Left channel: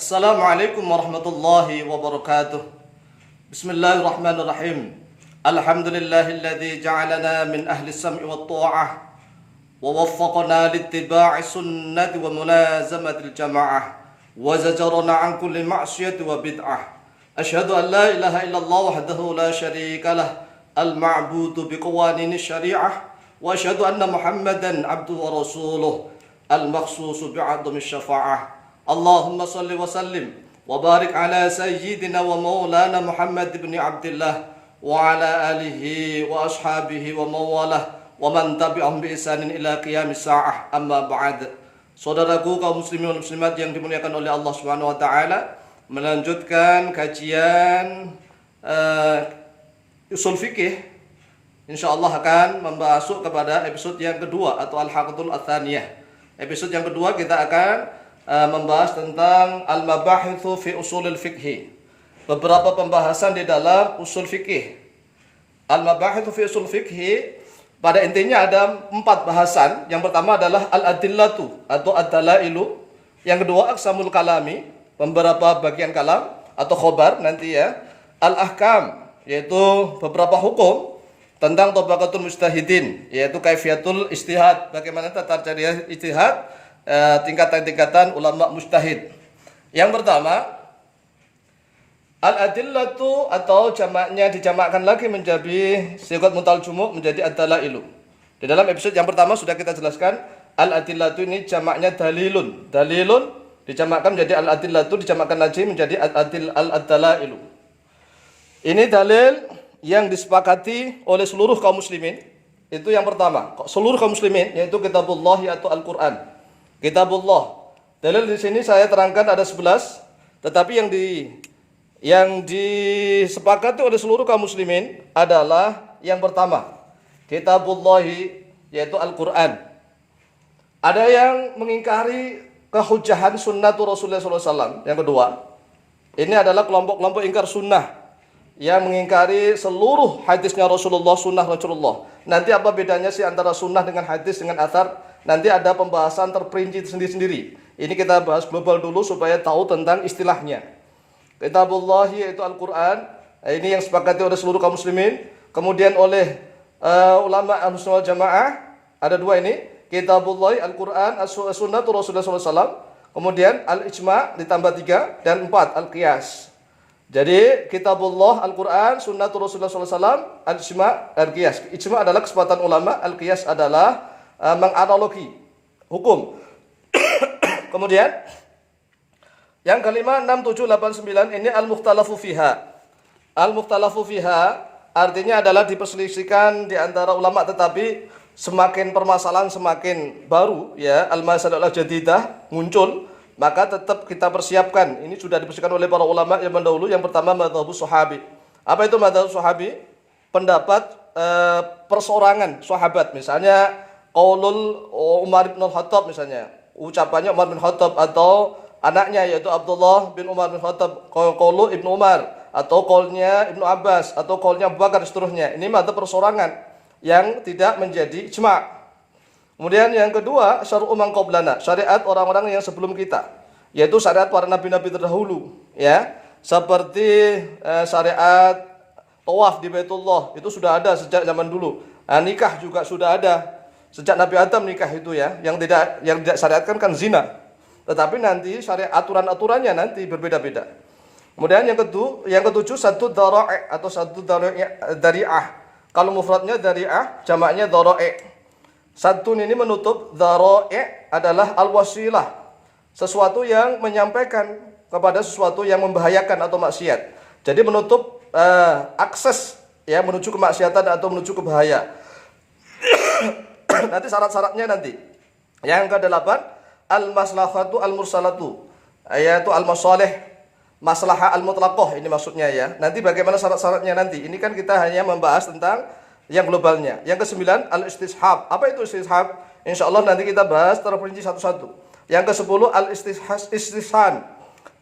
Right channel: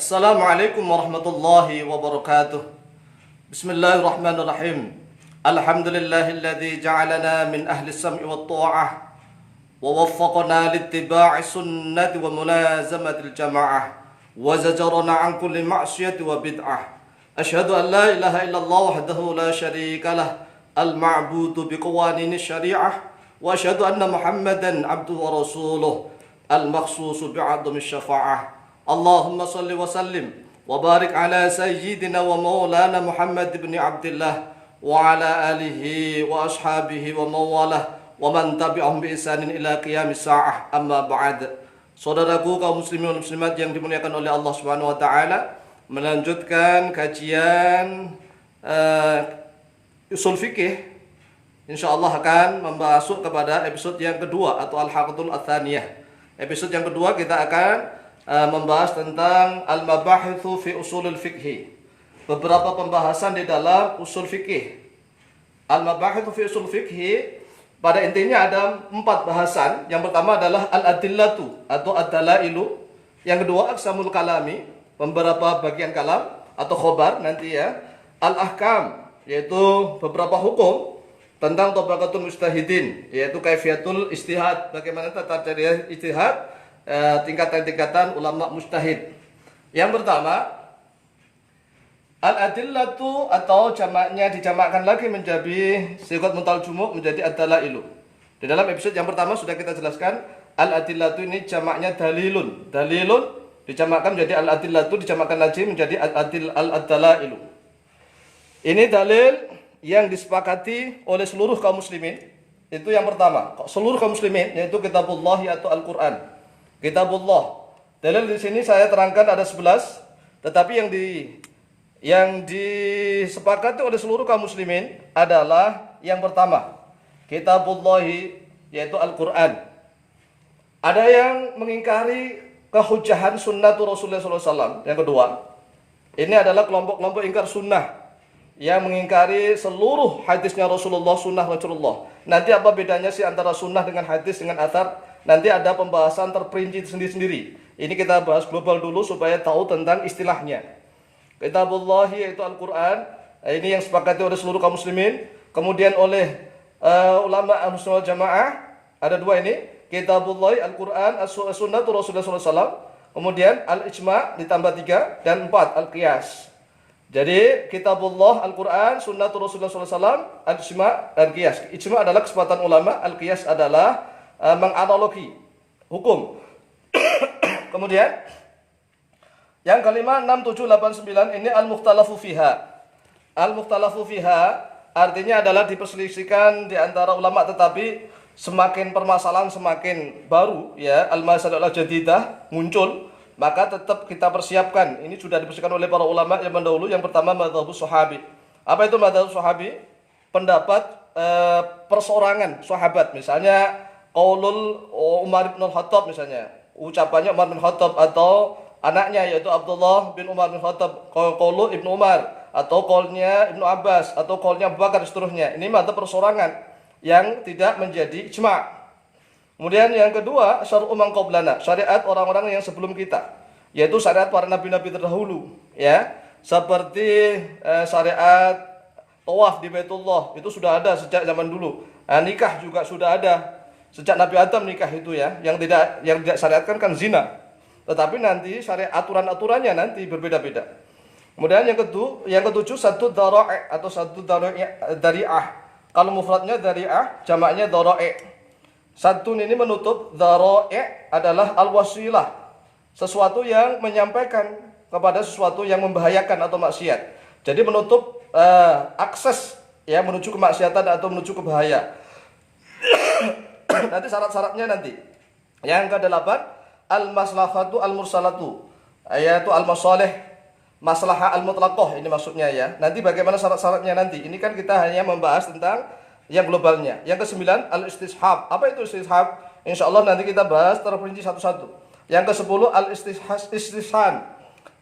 Assalamualaikum warahmatullahi wabarakatuh. Bismillahirrahmanirrahim. Alhamdulillahilladzi ja'alana min ahli sam'i wat ta'ah wa waffaqana littiba'i sunnati wa mulazamatil jama'ah wa zajarana an kulli ma'siyati wa bid'ah. Asyhadu an la ilaha illallah wahdahu la syarika lah al-ma'budu biqawanini syari'ah wa asyhadu anna Muhammadan abduhu wa rasuluh al-makhsusu bi'adami syafa'ah. Allahumma salli wa sallim wa barik ala sayyidina wa maulana Muhammad ibn Abdullah wa ala alihi wa ashabihi wa mawalah wa man tabi'ahum bi ihsanin ila qiyamis sa'ah, amma ba'd. Saudaraku kaum muslimin dan muslimat yang dimuliakan oleh Allah Subhanahu wa taala, melanjutkan kajian usul fikih. Insyaallah akan masuk kepada episode yang kedua atau al-haqatul atsaniyah. Episode yang kedua kita akan membahas tentang al-mabahithu fi usulil fikhi. Beberapa pembahasan di dalam usul fikih. Al-mabahithu fi usul fikhi pada intinya ada 4 bahasan. Yang pertama adalah al-adillatu atau ad-dalailu. Yang kedua aqsamul kalami, beberapa bagian kalam atau khobar nanti ya. Al-ahkam, yaitu beberapa hukum tentang tabaqatul mujtahidin, yaitu kaifiyatul istihad, bagaimana tata cara istihad, tingkatan-tingkatan ulama mujtahid. Yang pertama, al-adillatu atau jamaknya dijamakkan lagi menjadi sigat muntal jumuk menjadi ad-dalailu. Di dalam episode yang pertama sudah kita jelaskan al-adillatu ini jamaknya dalilun. Dalilun dijamakkan menjadi al-adillatu, dijamakkan lagi menjadi al-dalailu. Ini dalil yang disepakati oleh seluruh kaum muslimin. Itu yang pertama. Seluruh kaum muslimin, yaitu kitabullah atau Al-Qur'an. Kitabullah. Dalil di sini saya terangkan ada 11, tetapi yang disepakati oleh seluruh kaum muslimin adalah yang pertama, Kitabullah, yaitu Al-Qur'an. Ada yang mengingkari kehujahan sunnatul Rasulullah SAW. Yang kedua, ini adalah kelompok-kelompok ingkar sunnah yang mengingkari seluruh hadisnya Rasulullah, sunnah Rasulullah. Nanti apa bedanya sih antara sunnah dengan hadis dengan athar? Nanti ada pembahasan terperinci sendiri-sendiri. Ini kita bahas global dulu supaya tahu tentang istilahnya. Kitabullah yaitu Al-Quran. Ini yang sepakati oleh seluruh kaum muslimin. Kemudian oleh ulama Ahlus Sunnah Jamaah. Ada 2 ini. Kitabullah, Al-Quran, As-Sunnatul Rasulullah SAW. Kemudian Al-Ijma' ditambah 3. Dan 4, Al-Qiyas. Jadi Kitabullah, Al-Quran, Sunnatul Rasulullah SAW, Al-Ijma' dan Qiyas. Ijma' adalah kesepakatan ulama. Al-Qiyas adalah menganalogi hukum. Kemudian yang kelima 6, 7, 8, 9 ini al-mukhtalafu fiha. Al-mukhtalafu fiha artinya adalah diperselisihkan di antara ulama, tetapi semakin permasalahan semakin baru ya, al-masalah jadidah muncul, maka tetap kita persiapkan. Ini sudah dipersiapkan oleh para ulama yang mendahulu. Yang pertama madzhabus sahabi. Apa itu madzhabus sahabi? Pendapat perseorangan sahabat. Misalnya qaulul Umar bin Khattab, misalnya ucapannya Umar bin Khattab atau anaknya yaitu Abdullah bin Umar bin Khattab, qaulu Ibnu Umar atau qaulnya Ibnu Abbas atau qaulnya Abu Bakar dan seterusnya. Ini madzhab perseorangan yang tidak menjadi ijma'. Kemudian yang kedua syar'u man qablana, syariat orang-orang yang sebelum kita, yaitu syariat para nabi-nabi terdahulu ya. Seperti syariat tawaf di Baitullah itu sudah ada sejak zaman dulu. Nikah juga sudah ada sejak Nabi Adam nikah itu ya. Yang tidak syariatkan kan zina. Tetapi nanti syariat aturan-aturannya nanti berbeda-beda. Kemudian yang ketujuh satu dhara'i atau satu dari'ah. Kalau mufradnya dari'ah, jamaknya dhara'i. Satu ini menutup, dhara'i adalah al-wasilah. Sesuatu yang menyampaikan kepada sesuatu yang membahayakan atau maksiat. Jadi menutup akses ya menuju kemaksiatan atau menuju ke bahaya. Nanti syarat-syaratnya nanti. Yang ke-8 al-maslahatu al-mursalatu, yaitu al-masalih, maslahah al-mutlaqah, ini maksudnya ya. Nanti bagaimana syarat-syaratnya nanti. Ini kan kita hanya membahas tentang yang globalnya. Yang ke-9 al-istishab. Apa itu istishab? Insyaallah nanti kita bahas terperinci satu-satu. Yang ke-10 al-istihsan.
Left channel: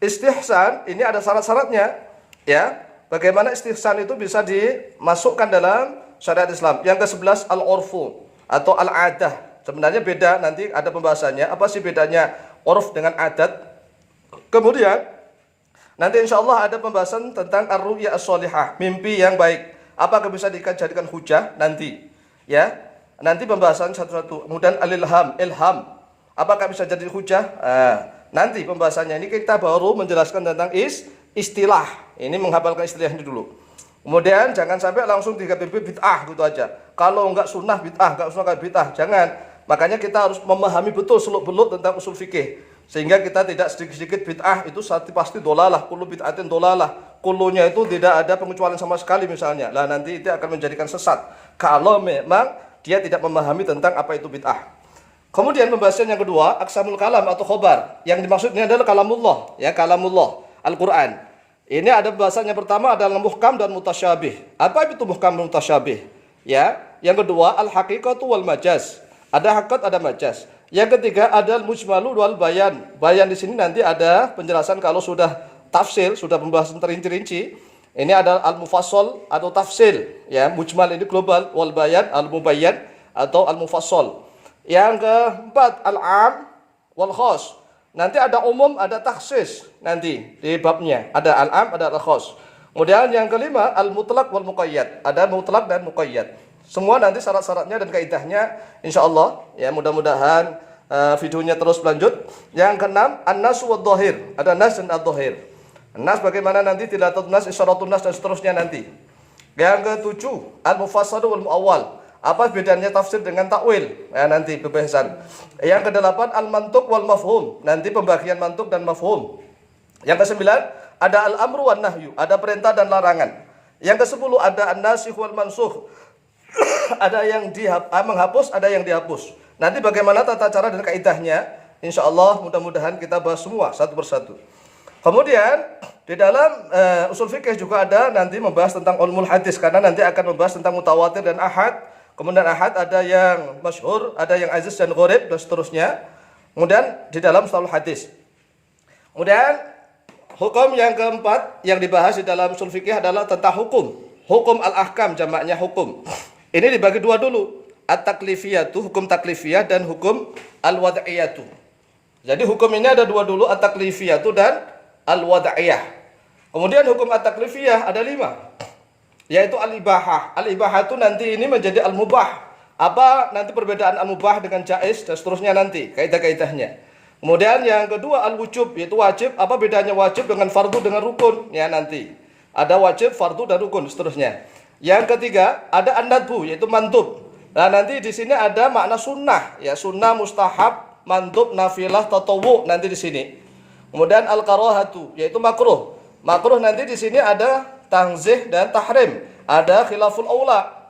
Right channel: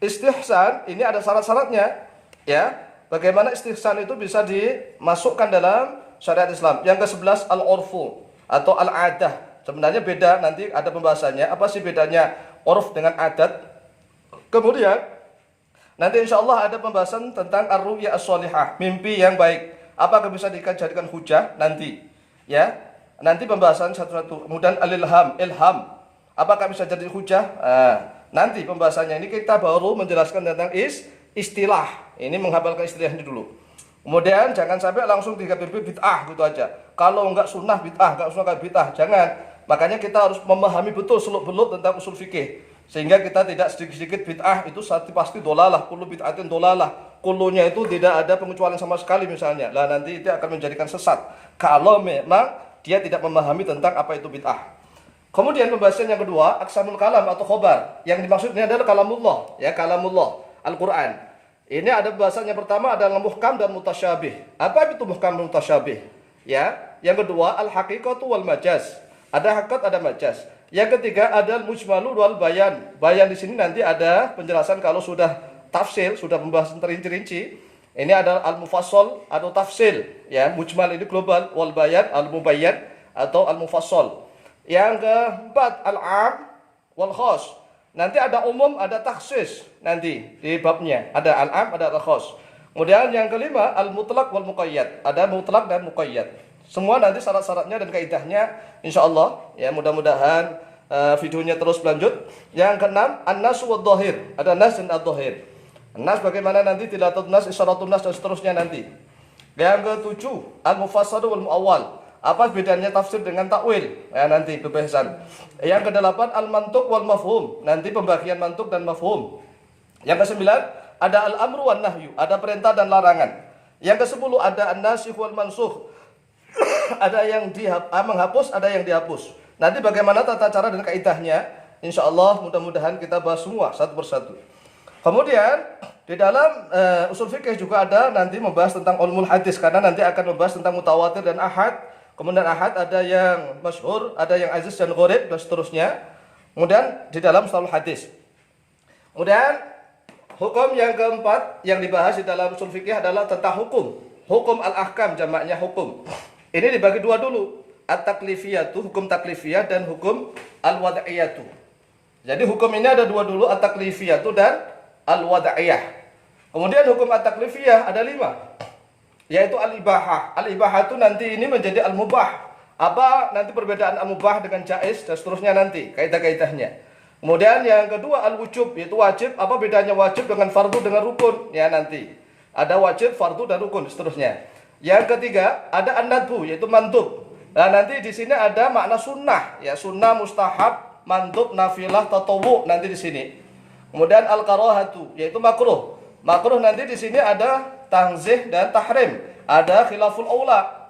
Istihsan ini ada syarat-syaratnya ya. Bagaimana istihsan itu bisa dimasukkan dalam syariat Islam. Yang ke-11 al-urfu atau al-adah. Sebenarnya beda, nanti ada pembahasannya. Apa sih bedanya urf dengan adat? Kemudian nanti insya Allah ada pembahasan tentang ar-ru'ya as-sholihah, mimpi yang baik. Apakah bisa dijadikan hujah nanti? Ya, nanti pembahasan satu-satu. Kemudian al-ilham, ilham. Apakah bisa jadi hujah? Nanti pembahasannya ini kita baru menjelaskan tentang istilah. Ini menghafalkan istilahnya dulu. Kemudian jangan sampai langsung dikatakan bid'ah gitu aja. Kalau enggak sunnah bid'ah, enggak sunnah bid'ah, jangan. Makanya kita harus memahami betul seluk-beluk tentang usul fikih. Sehingga kita tidak sedikit-sedikit bid'ah itu pasti dolalah, kullu bid'atin dolalah. Kullunya itu tidak ada pengecualian sama sekali misalnya. Lah nanti itu akan menjadikan sesat. Kalau memang dia tidak memahami tentang apa itu bid'ah. Kemudian pembahasan yang kedua, aqsamul kalam atau khobar. Yang dimaksudnya adalah kalamullah, ya kalamullah, Al-Qur'an. Ini ada pembahasan yang pertama adalah muhkam dan mutasyabih. Apa itu muhkam dan mutasyabih? Ya, yang kedua al-haqiqatu wal majaz. Ada hakikat, ada majaz. Yang ketiga ada al-mujmalu wal bayan. Bayan di sini nanti ada penjelasan kalau sudah tafsir, sudah pembahasan terinci-rinci. Ini ada al-mufassal atau tafsir, ya. Mujmal ini global, wal bayan al-mubayyan atau al-mufassal. Yang keempat al-am wal khas. Nanti ada umum, ada takhsis nanti di babnya. Ada al-am, ada al-khas. Kemudian yang kelima al-mutlaq wal muqayyad. Ada mutlaq dan muqayyad. Semua nanti syarat-syaratnya dan kaidahnya insyaallah ya, mudah-mudahan videonya terus berlanjut. Yang keenam an-nas wad dhahir. Ada nas dan ad-dhahir. Nas bagaimana nanti tilatun nas, isyaratun nas dan seterusnya nanti. Yang ketujuh al-mufassal wal muawwal. Apa bedanya tafsir dengan takwil? Nanti pembahasan. Yang kedelapan al-mantuq wal mafhum. Nanti pembagian mantuk dan mafhum. Yang kesembilan ada al-amru wan nahyu. Ada perintah dan larangan. Yang kesepuluh ada an-nasikh wal mansukh. Ada yang menghapus, ada yang dihapus. Nanti bagaimana tata cara dan kaidahnya? Insyaallah mudah-mudahan kita bahas semua satu persatu. Kemudian di dalam usul fikih juga ada nanti membahas tentang ulumul hadis, karena nanti akan membahas tentang mutawatir dan ahad. Kemudian ahad ada yang masyhur, ada yang aziz dan gharib dan seterusnya. Kemudian di dalam mustalahul hadis. Kemudian hukum yang keempat yang dibahas di dalam usul fikih adalah tentang hukum. Hukum al-ahkam jamaknya hukum. Ini dibagi dua dulu. At-taklifiyatu, hukum taklifiyah dan hukum al-wad'iyatu. Jadi hukum ini ada dua dulu, at-taklifiyatu dan al-wad'iyah. Kemudian hukum at-taklifiyah ada 5. Yaitu al-ibahah. Al-ibahah itu nanti ini menjadi al-mubah. Apa nanti perbedaan al-mubah dengan jaiz dan seterusnya nanti kaidah-kaidahnya. Kemudian yang kedua al-wujub, yaitu wajib. Apa bedanya wajib dengan fardu dengan rukun? Ya nanti. Ada wajib, fardu dan rukun seterusnya. Yang ketiga ada an-nadbu, yaitu mantub. Nah nanti di sini ada makna sunnah, ya sunnah, mustahab, mantub, nafilah, tatawwu nanti di sini. Kemudian al-karahatu, yaitu makruh. Makruh nanti di sini ada tanzih dan tahrim. Ada khilaful aula.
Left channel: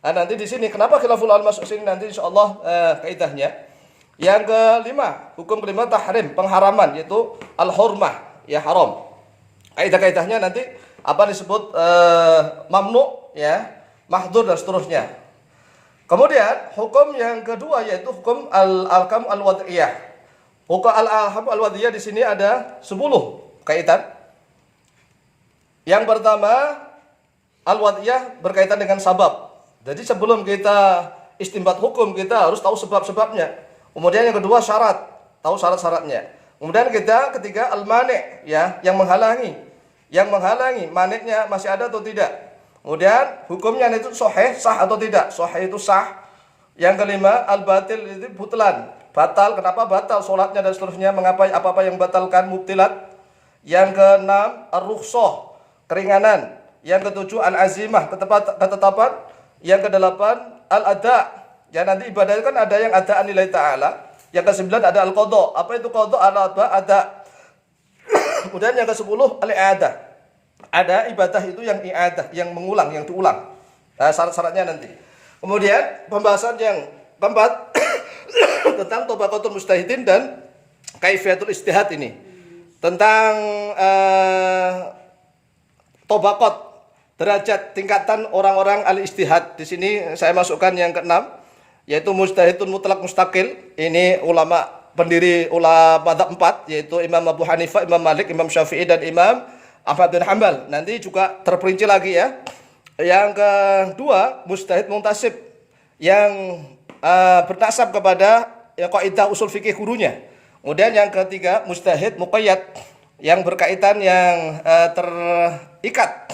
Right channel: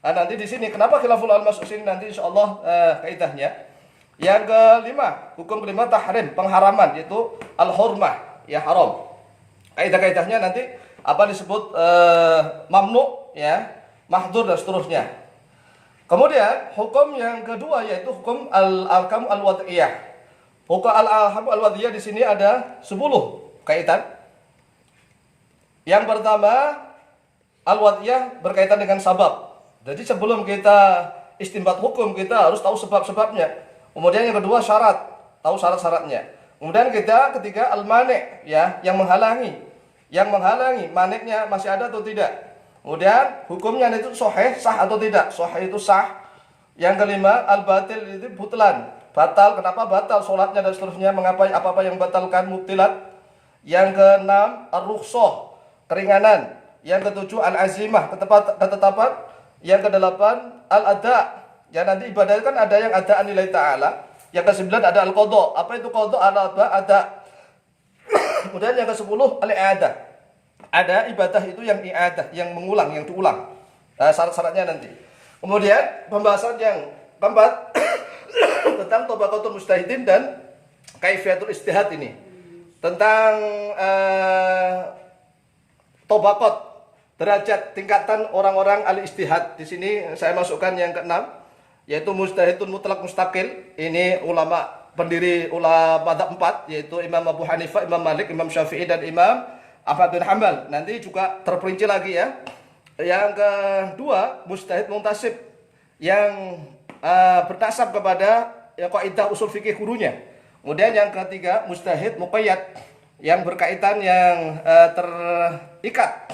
Nah, nanti di sini kenapa khilaful aula masuk sini nanti insyaallah kaidahnya. Yang kelima, hukum kelima tahrim, pengharaman yaitu al-hurmah, ya haram. Kaidah-kaidahnya nanti apa disebut mamnu, ya, mahdzur dan seterusnya. Kemudian hukum yang kedua yaitu hukum al-ahkam al-wad'iyah. Hukum al-ahkam al-wad'iyah di sini ada 10 kaitan. Yang pertama, al-wad'iyah berkaitan dengan sabab. Jadi sebelum kita istinbat hukum, kita harus tahu sebab-sebabnya. Kemudian yang kedua syarat, tahu syarat-syaratnya. Kemudian ketiga al-mani', ya, yang menghalangi. Yang menghalangi, maniknya masih ada atau tidak. Kemudian hukumnya itu sahih, sah atau tidak. Sahih itu sah. Yang kelima, al-batil itu butlan. Batal, kenapa batal sholatnya dan seterusnya, mengapa apa-apa yang batalkan mubtilat. Yang keenam, ar-rukhsah, keringanan. Yang ketujuh al-azimah, ketetapan. Yang kedelapan al-ada. Ya nanti ibadah kan ada yang adaan nilai ta'ala. Yang kesembilan ada al-qadha. Apa itu qadha? Ada. Kemudian yang ke-10 al-i'adah. Ada ibadah itu yang i'adah, yang mengulang, yang diulang. Nah, syarat-syaratnya nanti. Kemudian pembahasan yang keempat tentang tabaqatul mujtahidin dan kaifiyatul ijtihad ini. Tentang tabaqat, derajat tingkatan orang-orang al-ijtihad. Di sini saya masukkan yang ke-6 yaitu mujtahidun mutlak mustaqil. Ini ulama pendiri ulama madzhab 4 yaitu Imam Abu Hanifah, Imam Malik, Imam Syafi'i dan Imam Ahmad bin Hanbal. Nanti juga terperinci lagi ya. Yang kedua mujtahid muntasib yang bertasab kepada kaidah usul fikih gurunya. Kemudian yang ketiga mujtahid muqayyad. yang berkaitan yang terikat.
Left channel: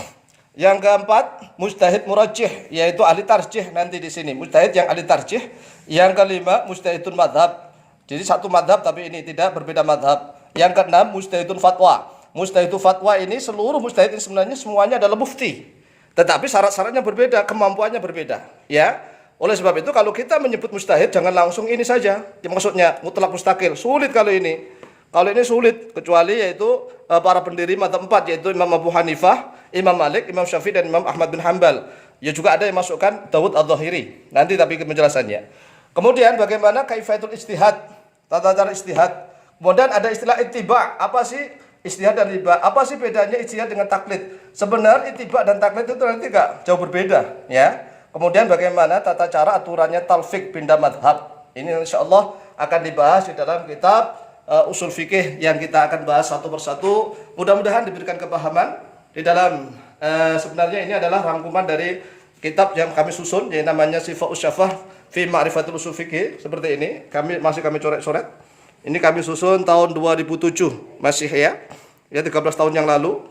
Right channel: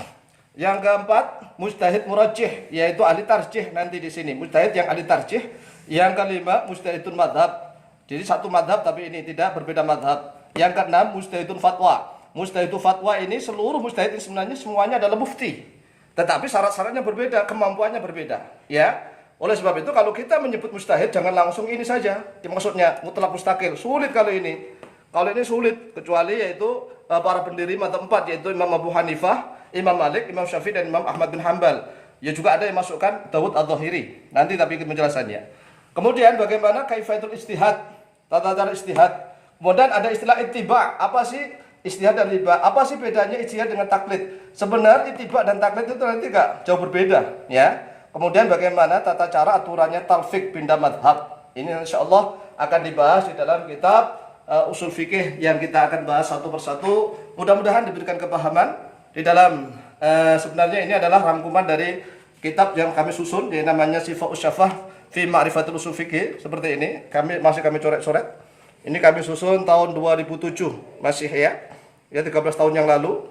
Yang keempat, mujtahid murajjih, yaitu ahli tarjih nanti di sini. Mujtahid yang ahli tarjih. Yang kelima, mujtahidun madhab. Jadi satu madhab tapi ini tidak berbeda madhab. Yang keenam, mujtahidun fatwa. Mujtahidun fatwa ini seluruh mujtahid ini sebenarnya semuanya adalah mufti. Tetapi syarat-syaratnya berbeda, kemampuannya berbeda. Ya. Oleh sebab itu kalau kita menyebut mujtahid jangan langsung ini saja. Maksudnya mutlak mustaqil. Sulit kalau ini. Kalau ini sulit, kecuali yaitu para pendiri mazhab 4, yaitu Imam Abu Hanifah, Imam Malik, Imam Syafi'i, dan Imam Ahmad bin Hanbal. Ya juga ada yang masukkan Dawud Adh-Dhahiri. Nanti tapi penjelasannya. Kemudian bagaimana kaifatul istihad, tata cara istihad. Kemudian ada istilah ittiba. Apa sih istihad dan ittiba? Apa sih bedanya istihad dengan taklid? Sebenarnya ittiba dan taklid itu nanti enggak jauh berbeda, ya. Kemudian bagaimana tata cara aturannya talfik pindah madhab. Ini insyaallah akan dibahas di dalam kitab usul fikih yang kita akan bahas satu persatu. Mudah-mudahan diberikan kepahaman di dalam sebenarnya ini adalah rangkuman dari kitab yang kami susun yang namanya Sifaul Syafah fi Ma'rifatul Usul Fikih seperti ini. Kami coret-coret. Ini kami susun tahun 2007 masih ya 13 tahun yang lalu.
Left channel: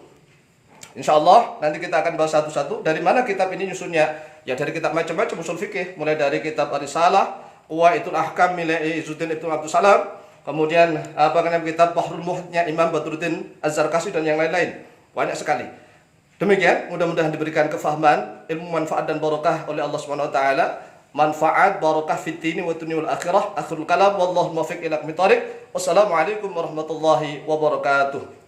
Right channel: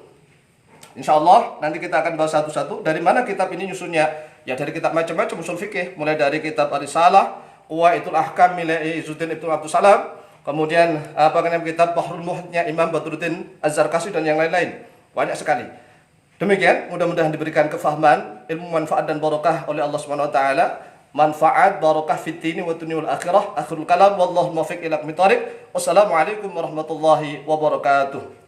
Insyaallah nanti kita akan bahas satu-satu. Dari mana kitab ini nyusunnya? Ya dari kitab macam-macam usul fikih, mulai dari kitab Ar-Risalah, Qawaidul Ahkam milik Izzuddin Ibnu Abdul Salam. Kemudian kitab Bahrul Muhitnya Imam Badruddin Az-Zarkashi dan yang lain-lain. Banyak sekali. Demikian, mudah-mudahan diberikan kefahaman, ilmu manfaat dan barokah oleh Allah Subhanahu wa taala. Manfaat barokah fid dini wa dunya wal akhirah. Akhirul kalam wallahu muwaffiq ila aqwamit thoriq. Wassalamualaikum warahmatullahi wabarakatuh.